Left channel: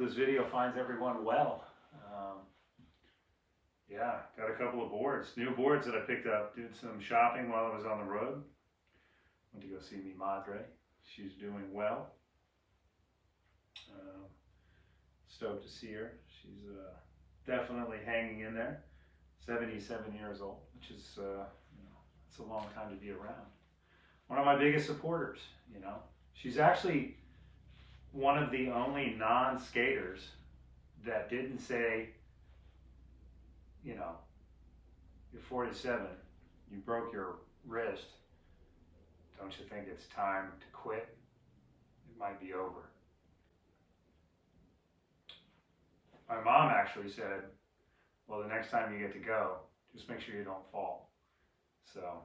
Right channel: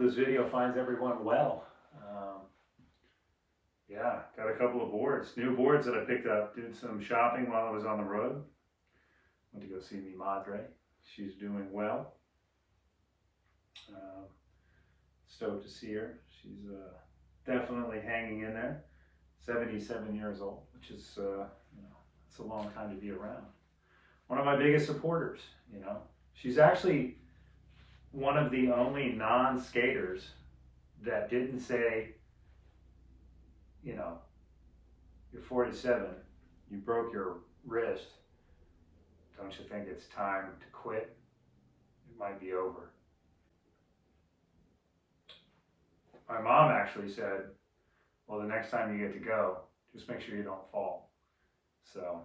this video finds everyone well. Yeah, got a couple of boards, new boards that I picked up. Did some shopping while I was on the road. Went to go see me Madre. She's doing well. Stoked to see her. She's definitely hanging in there. 77 years old, which is, it's a long time to be around. One of my biggest supporters, She's actually one of the only non-skaters that didn't say, you're 47, you broke your wrist, don't you think it's time to quit? It might be over. My mom actually said, well, the next time you get to go, just make sure you don't fall. So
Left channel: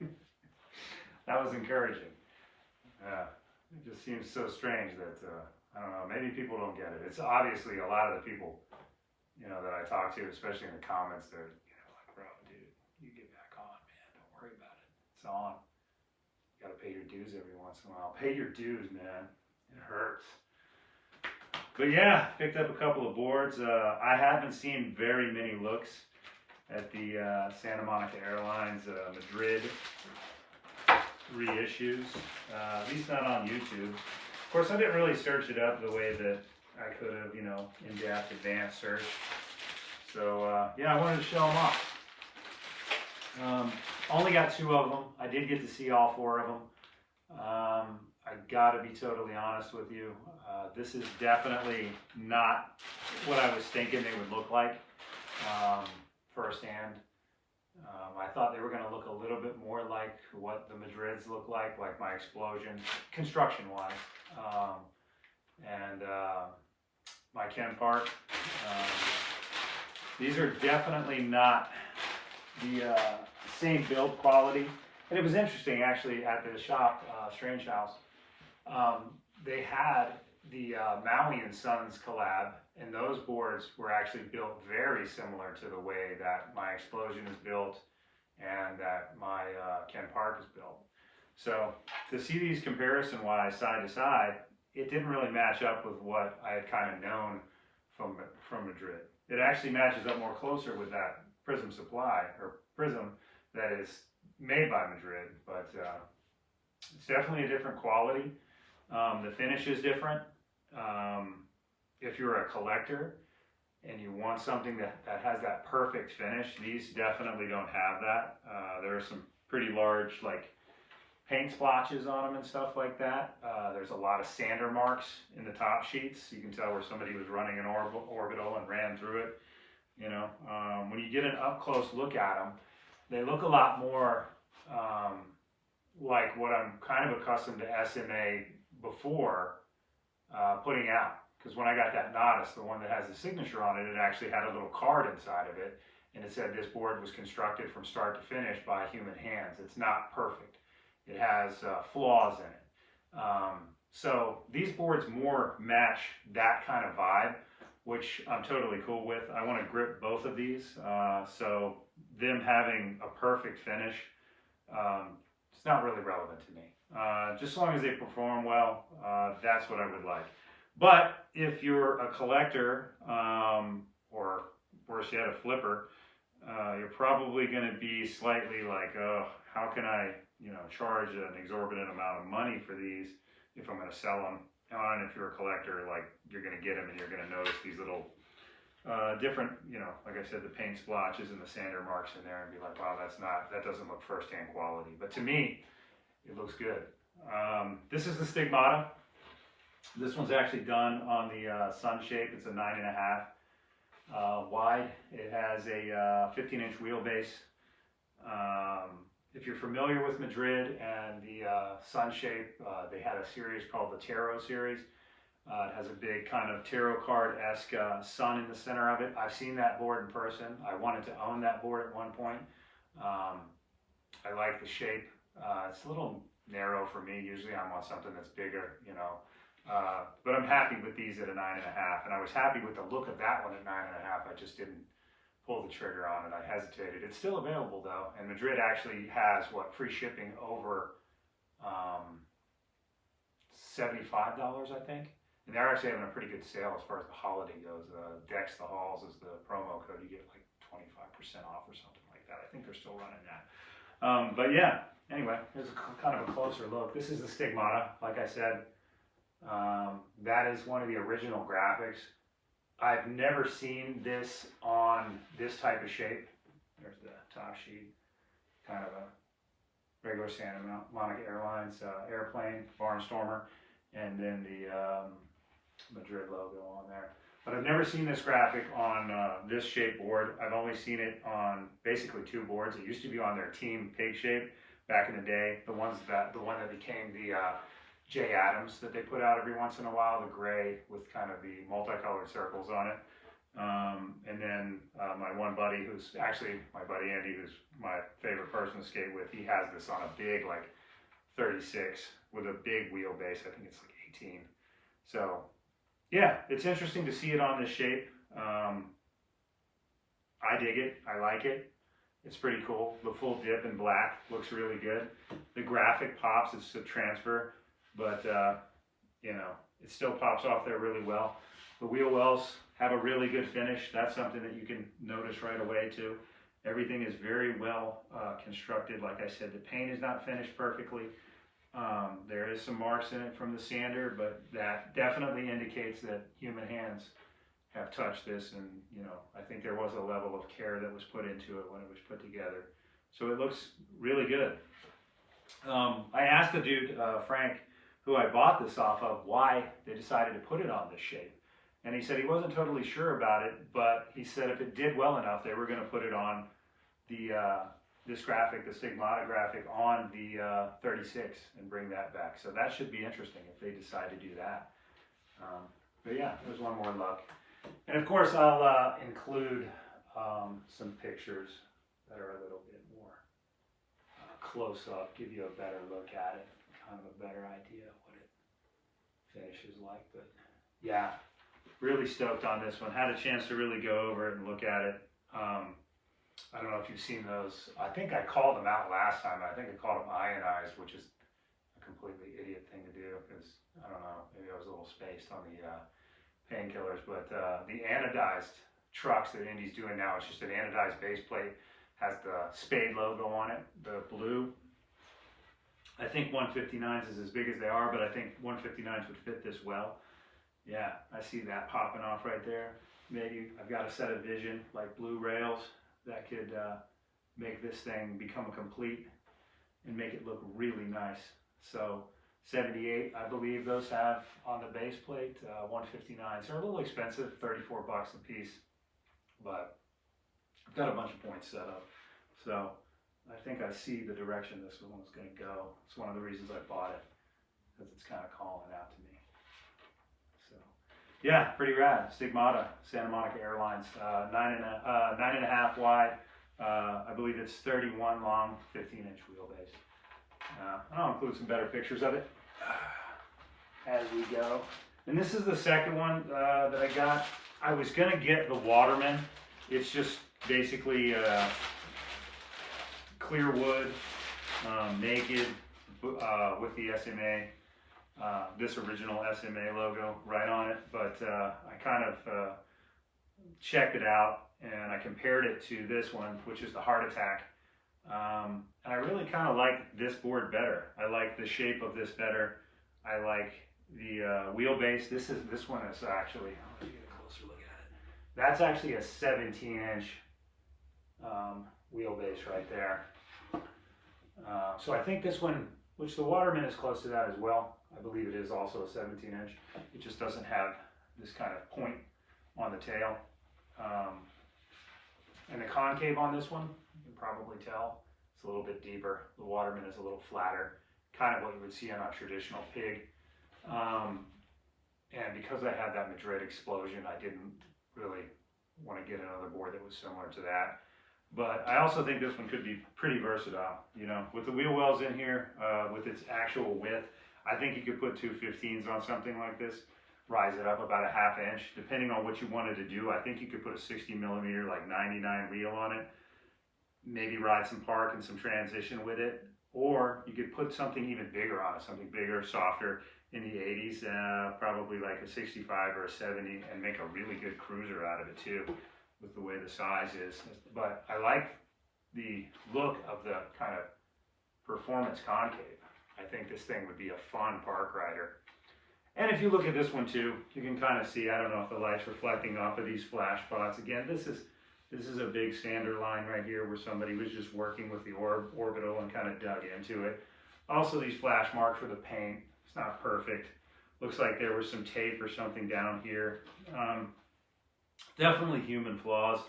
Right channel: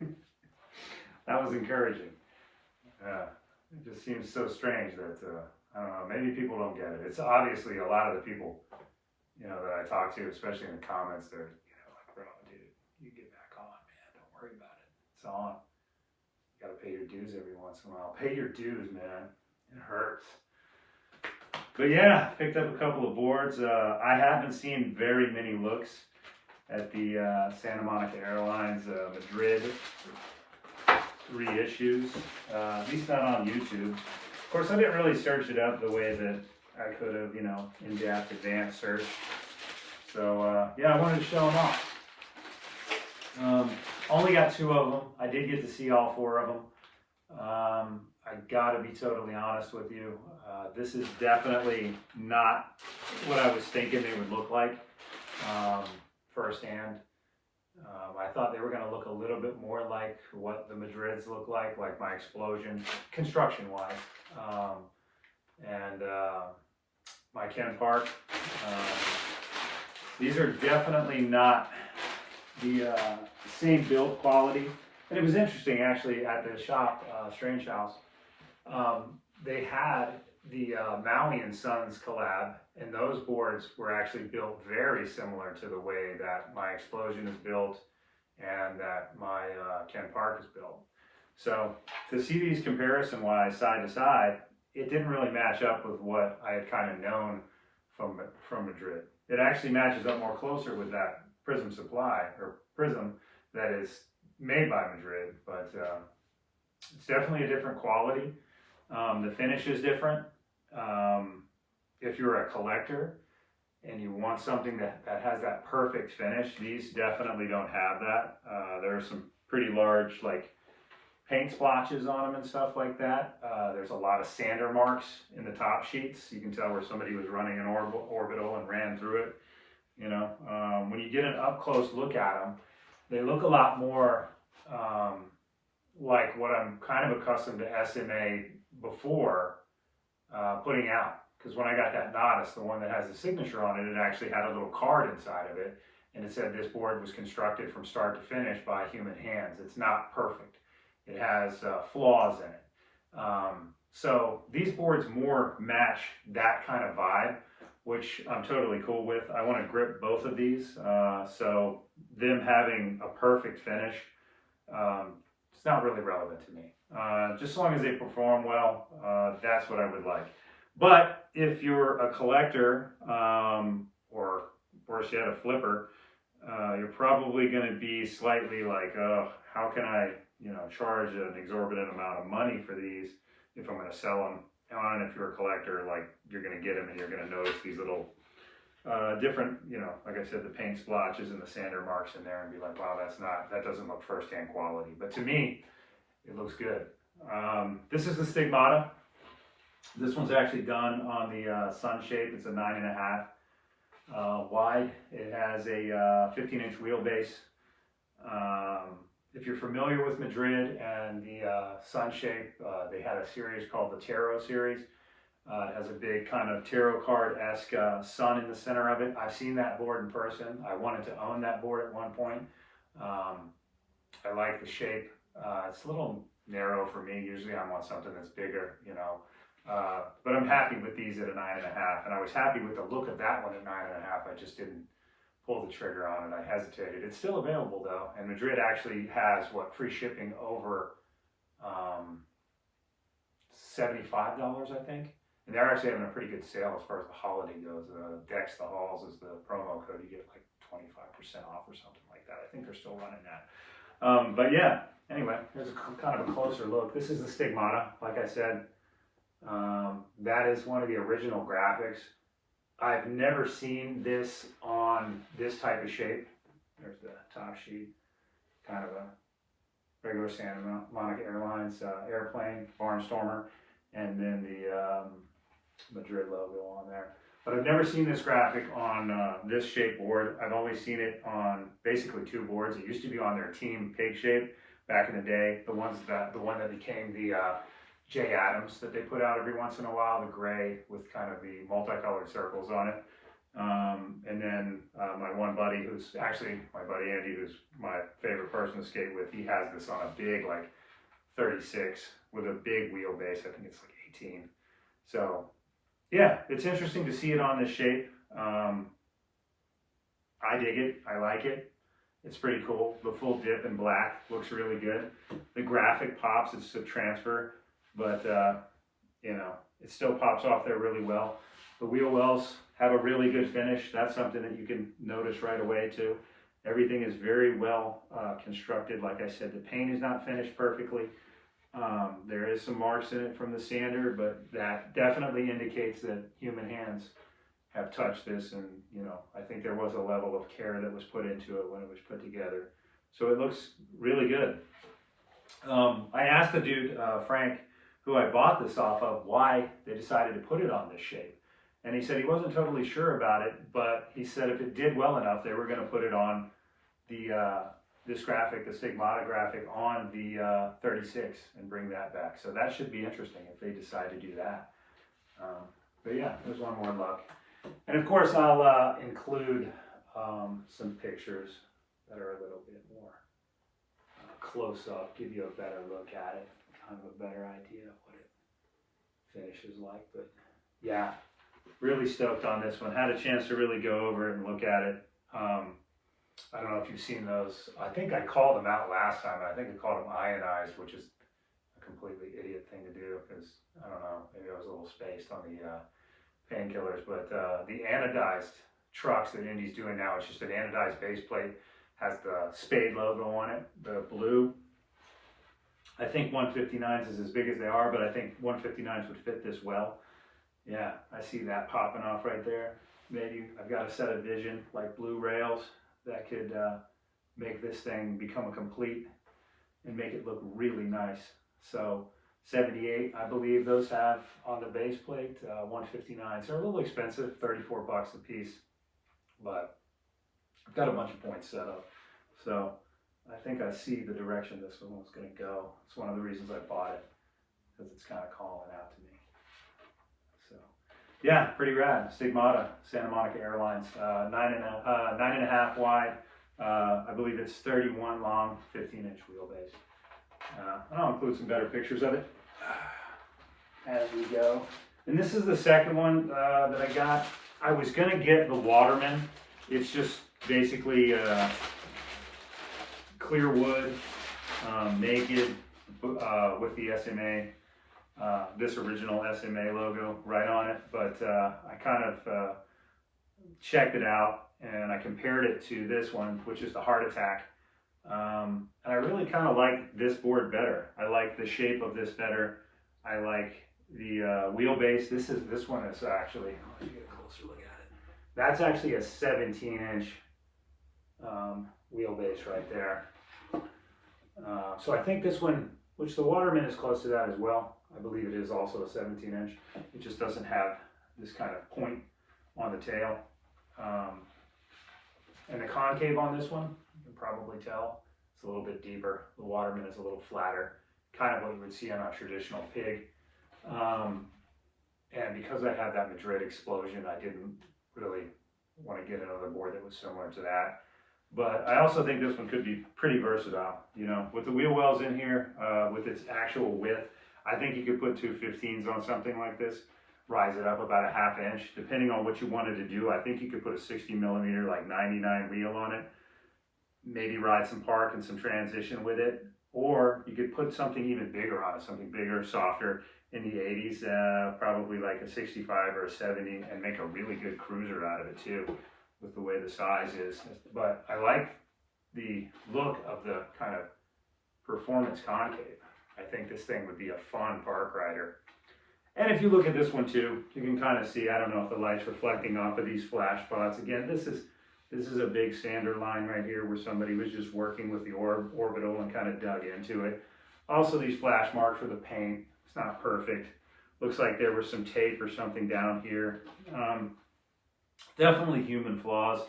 that was encouraging. It just seems so strange that, I don't know, maybe people don't get it. It's obviously a lot of the people, that I talk to, especially in the comments, they're, like, bro, dude, you get back on, man. Don't worry about it. It's on. You got to pay your dues every once in a while. Pay your dues, man. It hurts. But yeah, picked up a couple of boards. I haven't seen very many looks at the Santa Monica Airlines Madrid reissues, at least not on YouTube. Of course, I didn't really search it up the way that I could have, in-depth advanced search. So yeah, I wanted to show them off. Only got 2 of them. I did get to see all 4 of them. I gotta be totally honest with you. This is definitely not what I was thinking they would look like firsthand. I thought they were going to look a little bit more like what the Madrids look like my Explosion, construction-wise, and my Ken Park. These are definitely not the same build quality. And it was interesting, actually, at the shop, Strange House, they had the Maui and Sons collab, and those boards were actually built very similar to the way that my Explosion is built and that my Ken Park is built. So to see these comparison-wise, side to side, it didn't really match up with what I had kind of known from Madrid. It actually matches up more closer with that Prism Supply, or Prism, that is made by Madrid, but it's definitely a different quality. The finish is different. If you're a collector and you want something that has that perfect finish, these definitely don't have that. There are some pretty large paint splotches on them and stuff like that. There's a lot of sander marks in the top sheets. You can tell where somebody was running an orbital and ran through it. When you get an up close look at them, they look a lot more like what I'm kind of accustomed to SMA before putting out. Because when I got that Nodus, the one that has the signature on it, it actually had a little card inside of it, and it said this board was constructed from start to finish by human hands. It's not perfect. It has flaws in it. So these boards more match that kind of vibe, which I'm totally cool with. I want to grip both of these, so them having a perfect finish, it's not really relevant to me. Just as long as they perform well, that's what I would like. But if you're a collector, or worse yet, a flipper, you're probably going to be slightly like, oh, how can I, charge an exorbitant amount of money for these if I'm going to sell them? And if you're a collector, you're going to get them and you're going to notice these little different, like I said, the paint splotches and the sander marks in there and be like, wow, that doesn't look first-hand quality. But to me, it looks good. This is the Stigmata. This one's actually done on the Sun shape. It's a 9.5 wide. It has a 15-inch wheelbase. If you're familiar with Madrid and the Sun shape, they had a series called the Tarot series. It has a big kind of tarot card-esque sun in the center of it. I've seen that board in person. I wanted to own that board at one point. I like the shape. It's a little narrow for me. Usually I want something that's bigger, but I'm happy with these at a 9.5, and I was happy with the look of that one at 9.5. I just didn't pull the trigger on it. I hesitated. It's still available though, and Madrid actually has free shipping over $75, I think. And they're actually having a pretty good sale as far as the holiday goes. Decks the Halls is the promo code. You get like 25% off or something like that. I think they're still running that. But yeah, anyway, here's kind of a closer look. This is the Stigmata, like I said. That is one of the original graphics. I've never seen this on this type of shape. There's the top sheet, kind of a regular Santa Monica Airlines airplane, Barnstormer, and then the Madrid logo on there. But I've never seen this graphic on this shape board. I've only seen it on basically two boards. It used to be on their Team Pig shape back in the day. The one that became the J. Adams that they put out every once in a while, the gray with kind of the multicolored circles on it. And then my one buddy, who's actually my buddy Andy, who's my favorite person to skate with, he has this on a big like 36 with a big wheelbase. I think it's like 18. So yeah, it's interesting to see it on this shape. I dig it. I like it. It's pretty cool. The full dip in black looks really good. The graphic pops. It's a transfer, but you know, it still pops off there really well. The wheel wells have a really good finish. That's something that you can notice right away too. Everything is very well constructed. Like I said, the paint is not finished perfectly. There is some marks in it from the sander, but that definitely indicates that human hands have touched this, and you know, I think there was a level of care that was put into it when it was put together. So it looks really good. I asked the dude, Frank, who I bought this off of, why they decided to put it on this shape. And he said he wasn't totally sure about it, but he said if it did well enough, they were going to put it on the this graphic, the Stigmata graphic, on the 36 and bring that back. So that should be interesting if they decide to do that. But yeah, there's one more look. And of course, I'll include some pictures that are a little bit more close up, give you a better look at it, kind of a better idea of what it finishes like. But yeah, really stoked on this one. Had a chance to really go over it and look at it. I don't know if you've seen those. I think I called them out last time. I think I called them ionized, which is a completely idiot thing to do because, I don't know, maybe I was a little spaced on the painkillers. But the anodized trucks that Indy's doing now, it's just an anodized base plate, has the Spade logo on it, the blue. I think 159s is as big as they are, but I think 159s would fit this well. Yeah, I see that popping off right there. Maybe I've got a set of vision, like blue rails, that could make this thing become a complete and make it look really nice. So 78, I believe those have on the base plate, 159s. They're a little expensive, 34 bucks a piece, but I've got a bunch of points set up. So I think I see the direction this one's going to go. It's one of the reasons I bought it, because it's kind of calling out to me. So yeah, pretty rad. Stigmata, Santa Monica Airlines, 9.5 wide. I believe it's 31 long, 15-inch wheelbase. I'll include some better pictures of it as we go. And this is the second one that I got. I was gonna get the Waterman. It's just basically clear wood, naked, with the SMA, this original SMA logo right on it. But I kind of checked it out and I compared it to this one, which is the Heart Attack. And I really kind of like this board better. I like the shape of this better. I like the wheelbase. This one is actually, let me get a closer look at it. That's actually a 17-inch wheelbase right there. So I think this one, which the Waterman is close to that as well. I believe it is also a 17-inch. It just doesn't have this kind of point on the tail. And the concave on this one, you can probably tell, it's a little bit deeper. The Waterman is a little flatter, kind of what you would see on a traditional pig. And because I had that Madrid explosion, I didn't really want to get another board that was similar to that. But I also think this one could be pretty versatile, you know, with the wheel wells in here, with its actual width. I think you could put two 15s on something like this, rise it up about a ½ inch, depending on what you wanted to do. I think you could put a 60 millimeter, like 99 reel on it, maybe ride some park and some transition with it, or you could put something even bigger on it, something bigger, softer, in the 80s, probably like a 65 or a 70, and make a really good cruiser out of it too, with the way the size is. But I like the look of the kind of performance concave. I think this thing would be a fun park rider. And if you look at this one too, you can kind of see, I don't know if the light's reflecting off of these flash spots. Again, this is a big sander line right here where somebody was just working with the orbital and kind of dug into it. Also, these flash marks for the paint, it's not perfect. Looks like there was some tape or something down here. Definitely human flaws.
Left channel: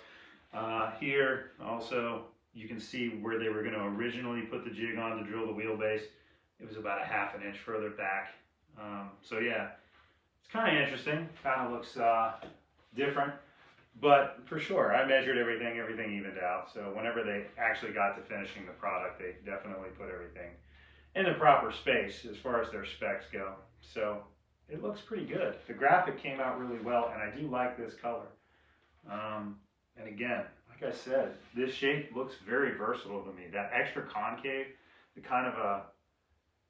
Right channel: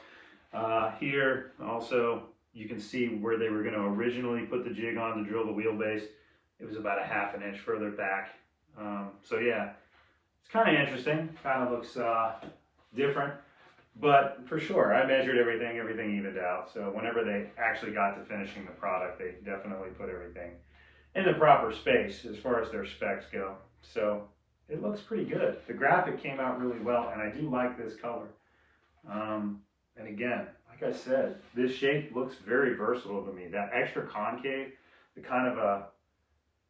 Here also, you can see where they were going to originally put the jig on to drill the wheelbase. It was about a ½ an inch further back. So yeah, it's kind of interesting. Kind of looks different. But for sure, I measured everything evened out. So whenever they actually got to finishing the product, they definitely put everything in the proper space as far as their specs go. So it looks pretty good. The graphic came out really well, and I do like this color. And again, like I said, this shape looks very versatile to me. That extra concave, the kind of a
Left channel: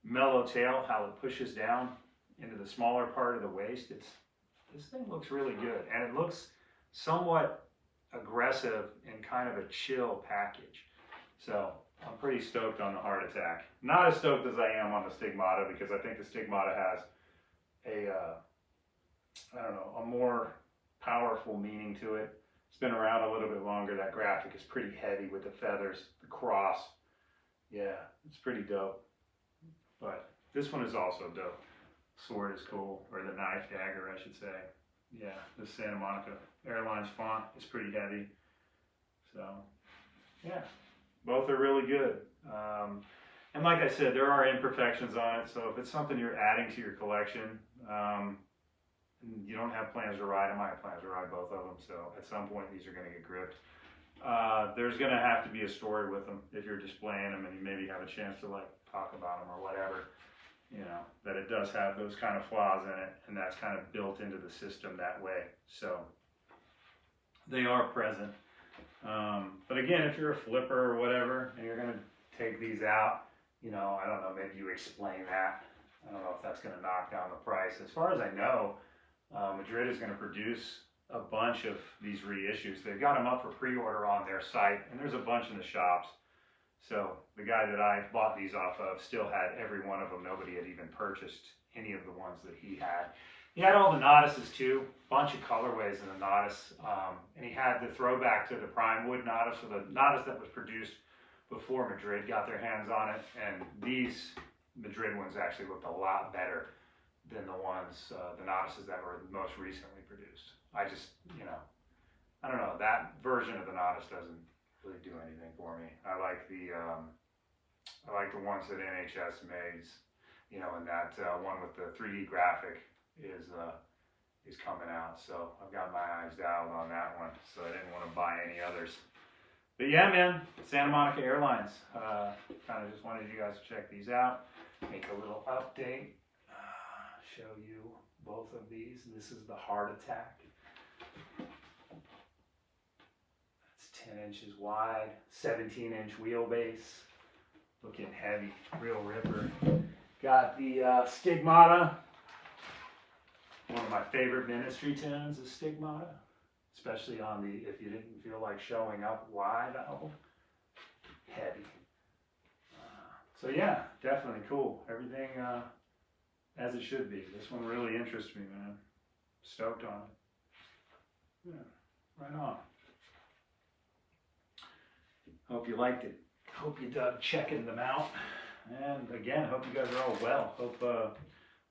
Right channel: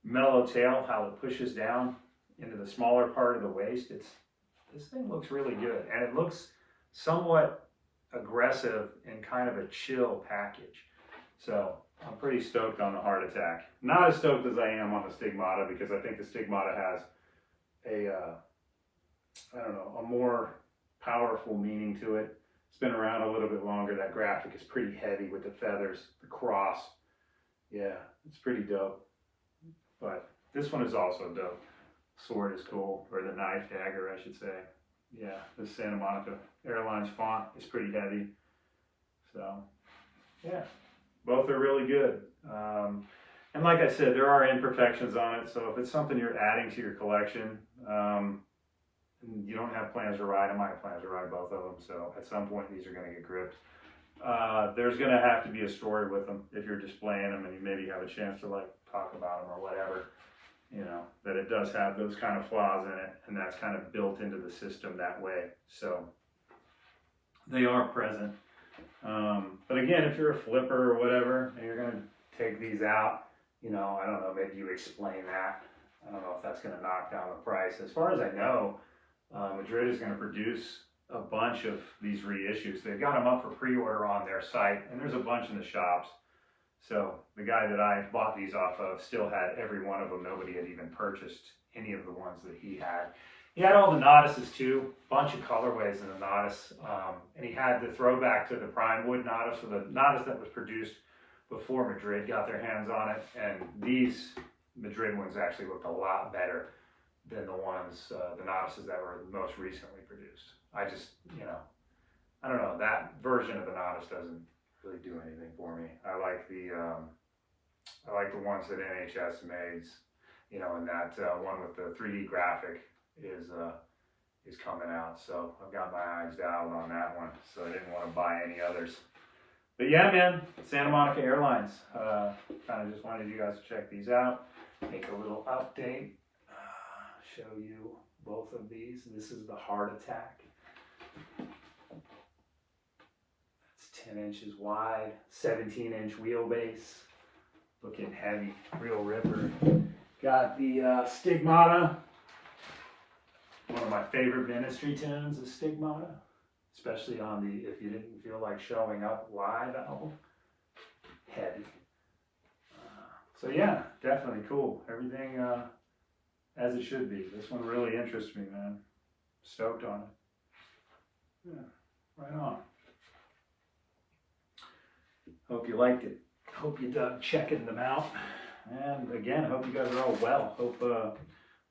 mellow tail, how it pushes down into the smaller part of the waist, this thing looks really good, and it looks somewhat aggressive in kind of a chill package. So I'm pretty stoked on the Heart Attack. Not as stoked as I am on the Stigmata, because I think the Stigmata has a, I don't know, a more powerful meaning to it. It's been around a little bit longer. That graphic is pretty heavy with the feathers, the cross. Yeah, it's pretty dope. But this one is also dope. Sword is cool, or the knife dagger, I should say. Yeah, the Santa Monica Airlines font is pretty heavy. So, yeah, both are really good. And like I said, there are imperfections on it. So if it's something you're adding to your collection, and you don't have plans to ride them, I have plans to ride both of them. So at some point, these are going to get gripped. There's going to have to be a story with them if you're displaying them and you maybe have a chance to like talk about them or whatever. You know, that it does have those kind of flaws in it, and that's kind of built into the system that way. So they are present. But again, if you're a flipper or whatever, and you're going to take these out, you know, I don't know, maybe you explain that. I don't know if that's going to knock down the price. As far as I know, Madrid is going to produce a bunch of these reissues. They've got them up for pre-order on their site, and there's a bunch in the shops. So the guy that I bought these off of still had every one of them. Nobody had even purchased any of the ones that he had. He had all the Nautilus too, bunch of colorways in the Nautilus, and he had the throwback to the prime wood Nautilus, or the Nautilus that was produced before Madrid got their hands on it. And these Madrid ones actually looked a lot better than the ones, the Nautiluses that were most recently produced. I just, you know, I don't know, that version of the Nautilus doesn't really do anything for me. I like the ones that NHS makes, you know, and that one with the 3D graphic is coming out. So I've got my eyes dialed on that one. So I didn't want to buy any others. But yeah, man, Santa Monica Airlines. Kind of just wanted you guys to check these out. Make a little update. Show you both of these. This is the Heart Attack. 10 inches wide, 17-inch wheelbase, looking heavy, real ripper. Got the Stigmata, one of my favorite Ministry tunes is Stigmata, especially on the If You Didn't Feel Like Showing Up live album. Heavy. So yeah, definitely cool. Everything as it should be. This one really interests me, man. Stoked on it. Yeah, right on. Hope you liked it. Hope you dug checking them out. And again, hope you guys are all well. Hope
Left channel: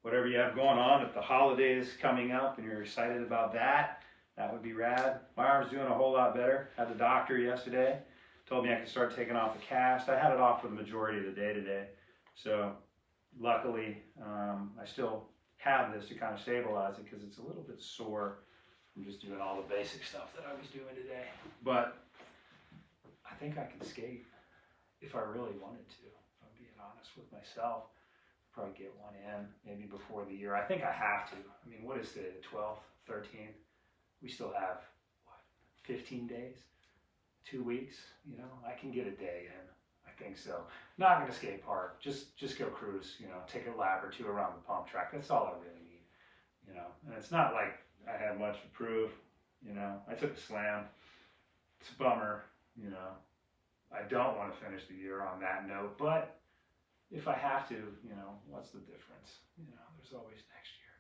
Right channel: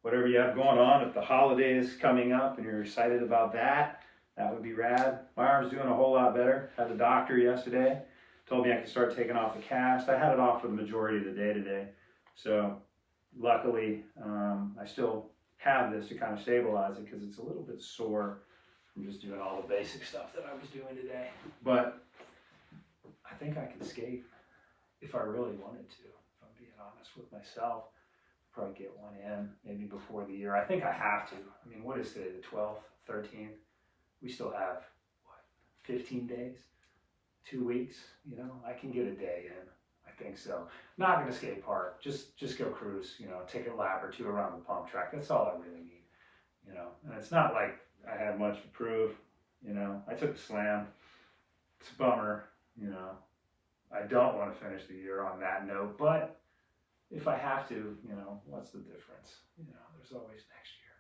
whatever you have going on, if the holidays coming up and you're excited about that, that would be rad. My arm's doing a whole lot better. Had the doctor yesterday. Told me I could start taking off the cast. I had it off for the majority of the day today. So luckily, I still have this to kind of stabilize it because it's a little bit sore from just doing all the basic stuff that I was doing today. But I think I could skate if I really wanted to, if I'm being honest with myself. Probably get one in maybe before the year. I think I have to. I mean, what is today, the 12th, 13th? We still have, what, 15 days? 2 weeks? You know, I can get a day in. I think so. Not going to skate park. Just go cruise. You know, take a lap or two around the pump track. That's all I really need. You know, and it's not like I had much to prove. You know, I took a slam. It's a bummer. You know, I don't want to finish the year on that note, but if I have to, you know, what's the difference? You know, there's always next year.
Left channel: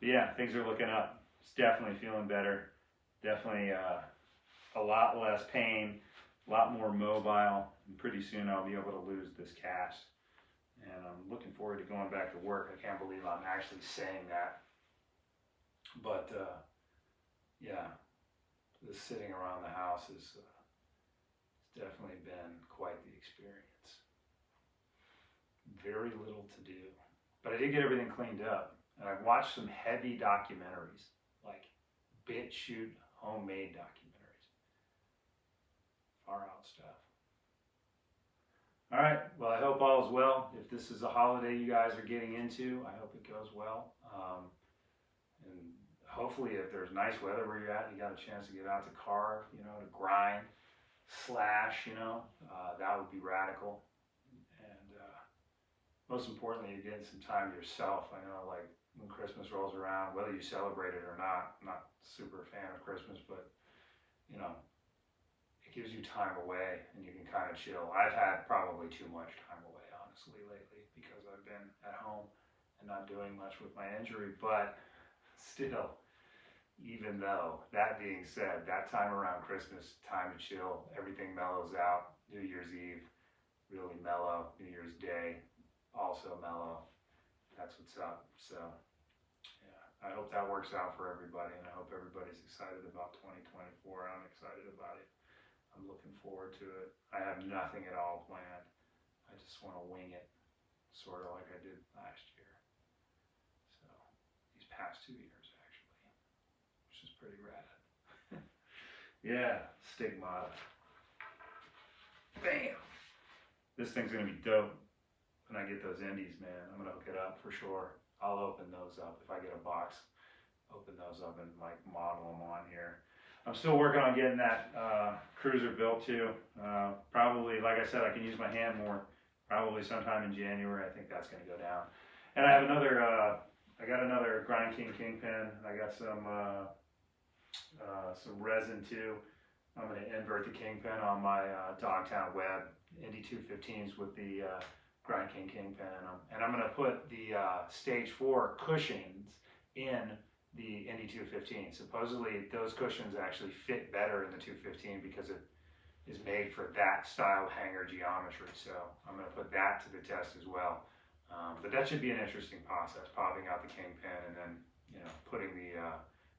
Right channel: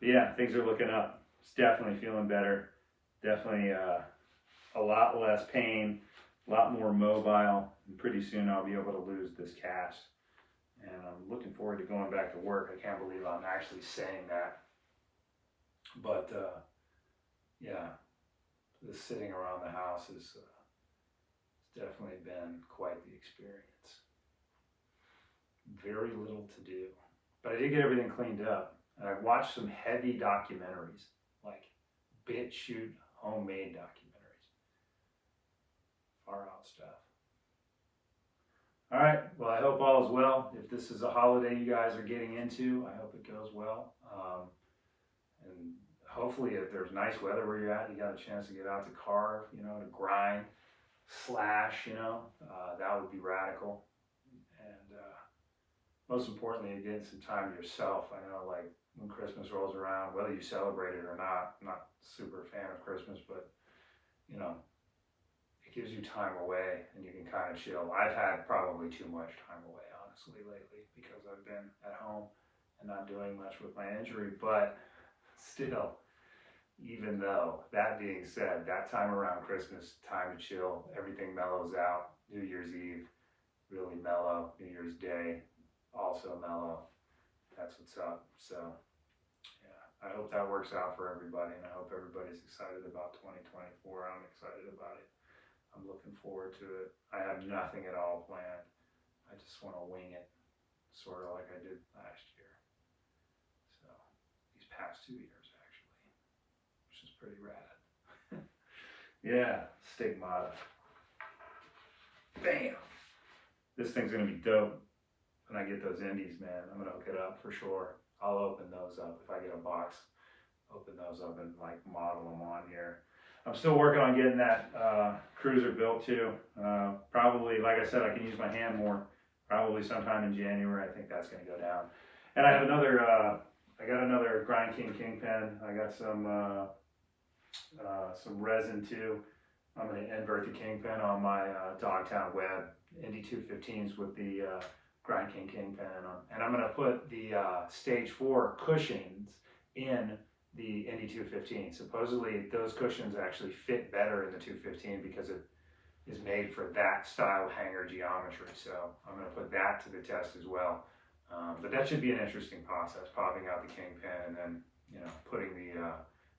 But yeah, things are looking up. It's definitely feeling better. Definitely a lot less pain, a lot more mobile, and pretty soon I'll be able to lose this cast. And I'm looking forward to going back to work. I can't believe I'm actually saying that. But yeah, just sitting around the house has definitely been quite the experience. Very little to do. But I did get everything cleaned up. And I've watched some heavy documentaries, like BitChute homemade documentaries. Far out stuff. All right, well, I hope all is well. If this is a holiday you guys are getting into, I hope it goes well. And hopefully if there's nice weather where you're at, you got a chance to get out to carve, you know, to grind, slash, you know, that would be radical. And most importantly, you're getting some time to yourself. I know, like, when Christmas rolls around, whether you celebrate it or not, I'm not super fan of Christmas, but, you know, it gives you time away and you can kind of chill. I've had probably too much time away, honestly, lately, because I've been at home and not doing much with my injury. But still, even though, that being said, that time around Christmas, time to chill, everything mellows out. New Year's Eve, really mellow. New Year's Day, also mellow. That's what's up. So yeah, I hope that works out for everybody, and I hope everybody's excited about 2024. I'm excited about it. I'm looking forward to it. I have nothing at all planned. I just want to wing it, sort of like I did last year. So these past 2 years, actually, which is pretty rad. Yeah, Stigmata. Bam! This thing's gonna be dope. When I get those indies, man, I'm gonna hook it up for sure. I'll open those up if I get a box. Open those up and like model them on here. I'm still working on getting that cruiser built too. Probably, like I said, I can use my hand more. Probably sometime in January. I think that's gonna go down. And I have another. I got another Grind King Kingpin. I got some resin too. I'm gonna invert the Kingpin on my Dogtown Web Indy 215s with the Grind King Kingpin in them. And I'm going to put the Stage 4 cushions in the Indy 215. Supposedly those cushions actually fit better in the 215 because it is made for that style hanger geometry. So I'm going to put that to the test as well. But that should be an interesting process, popping out the Kingpin and then, you know, putting the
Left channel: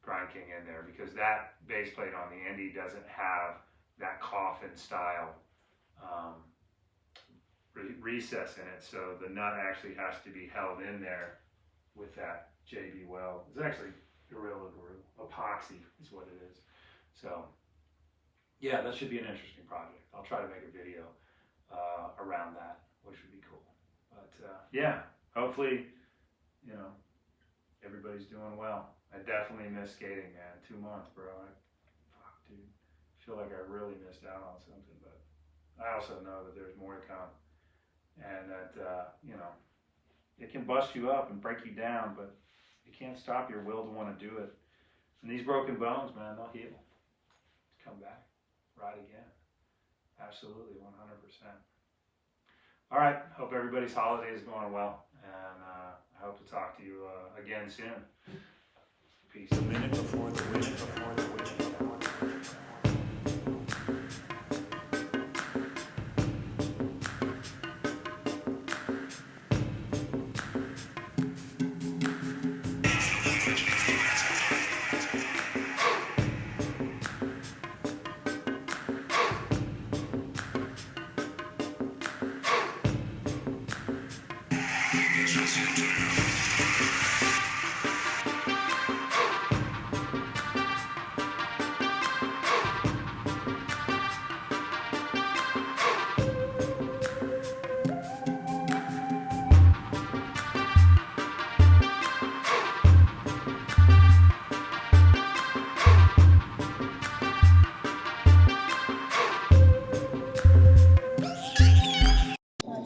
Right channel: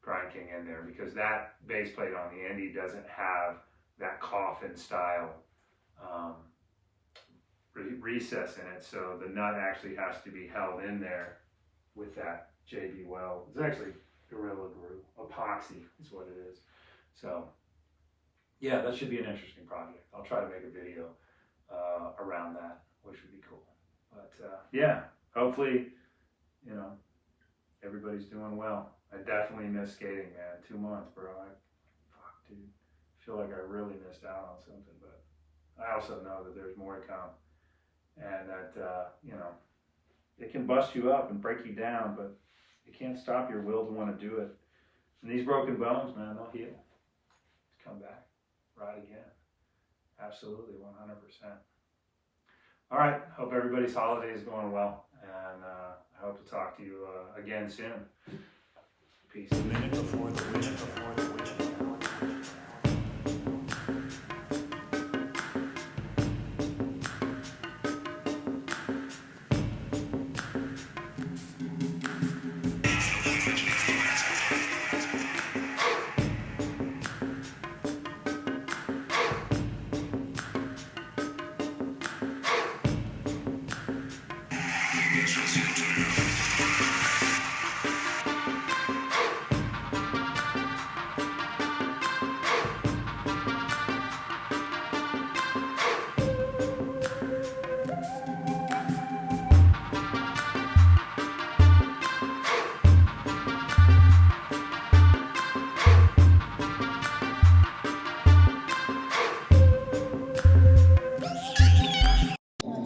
Grind King in there, because that base plate on the Indy doesn't have that coffin style recess in it, so the nut actually has to be held in there with that JB weld. It's actually Gorilla Glue, epoxy is what it is. So yeah, that should be an interesting project. I'll try to make a video around that, which would be cool. But yeah, hopefully, you know, everybody's doing well. I definitely miss skating, man. 2 months, bro. Fuck, dude. I feel like I really missed out on something, but I also know that there's more to come. And that, you know, it can bust you up and break you down, but it can't stop your will to want to do it. And these broken bones, man, they'll heal. Come back, ride again. Absolutely, 100%. All right, hope everybody's holiday is going well, and I hope to talk to you again soon. Peace. A minute before the witching hour.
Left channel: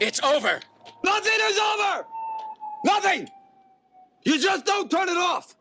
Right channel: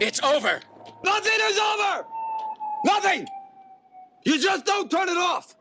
It's over. Nothing is over! Nothing! You just don't turn it off!